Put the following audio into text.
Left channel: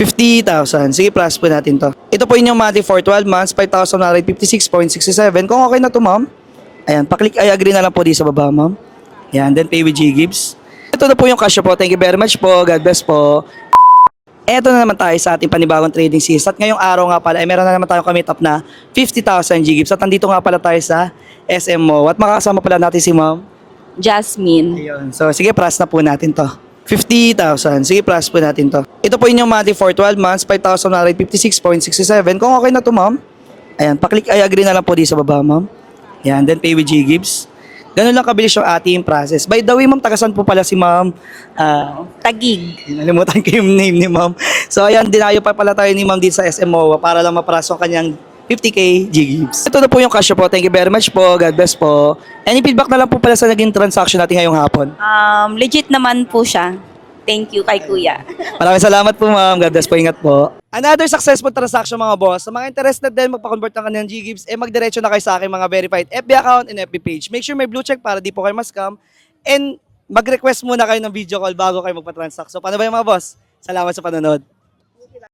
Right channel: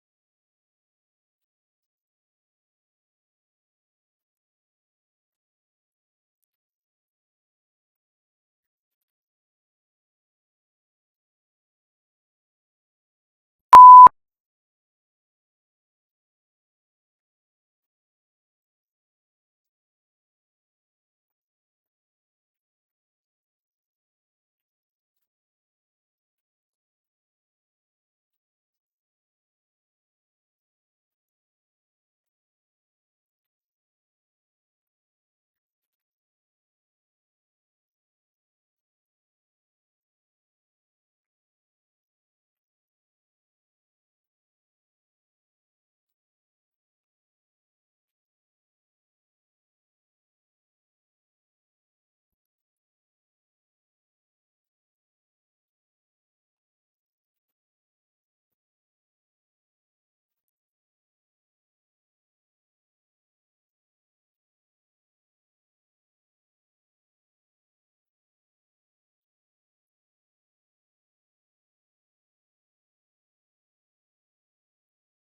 50,000. Sige, plus po natin to. Ito po yung monthly for 12 months, 5,956.67. Kung okay na to, ma'am. Ayan, paklik I agree na lang po di sa baba, ma'am. Ayan, then pay with G-Gibbs. Ito na po yung cash po. Thank you very much po. God bless po. Eto na naman tayo sa ating panibagong trading season. At ngayong araw nga pala, ay meron na naman tayong commit up na 50,000 G-Gibbs. At nandito nga pala tayo sa SMO. At makakasama pala natin si ma'am. Jasmine. Ayun. So, sige, plus na po natin to. 50,000. Sige, plus po natin to. Ito po yung monthly for 12 months, 5,956.67. Kung okay na to, ma'am. Ayan, paklik I agree na lang po di sa baba, ma'am. Ayan, then pay with G-Gibbs. Ganun lang kabilis yung ating process. By the way, ma'am, tagasan po pala si ma'am. Tagig. Nalimutan ko yung name ni ma'am. So, ayan, dinayo pa pala tayo ni ma'am dito sa SMO para lang mapraso ang kanyang 50k G-Gibbs. Ito na po yung cash po. Thank you very much po. God bless po. Any feedback na lang po pala sa naging transaction natin ngayong hapon? Legit naman po siya. Thank you kay kuya. Maraming salamat po, ma'am. God bless po. Ingat po. Another successful transaction, mga boss. Sa mga interested din magpa-convert ng kanilang G-Gibbs, magdiretso na kayo sa aking mga verified FB account and FB page. Make sure may blue check para di po kayo ma-scam. And mag-request muna kayo ng video call bago kayo magpa-transact. So, paano ba yung mga boss? Salamat sa panonood.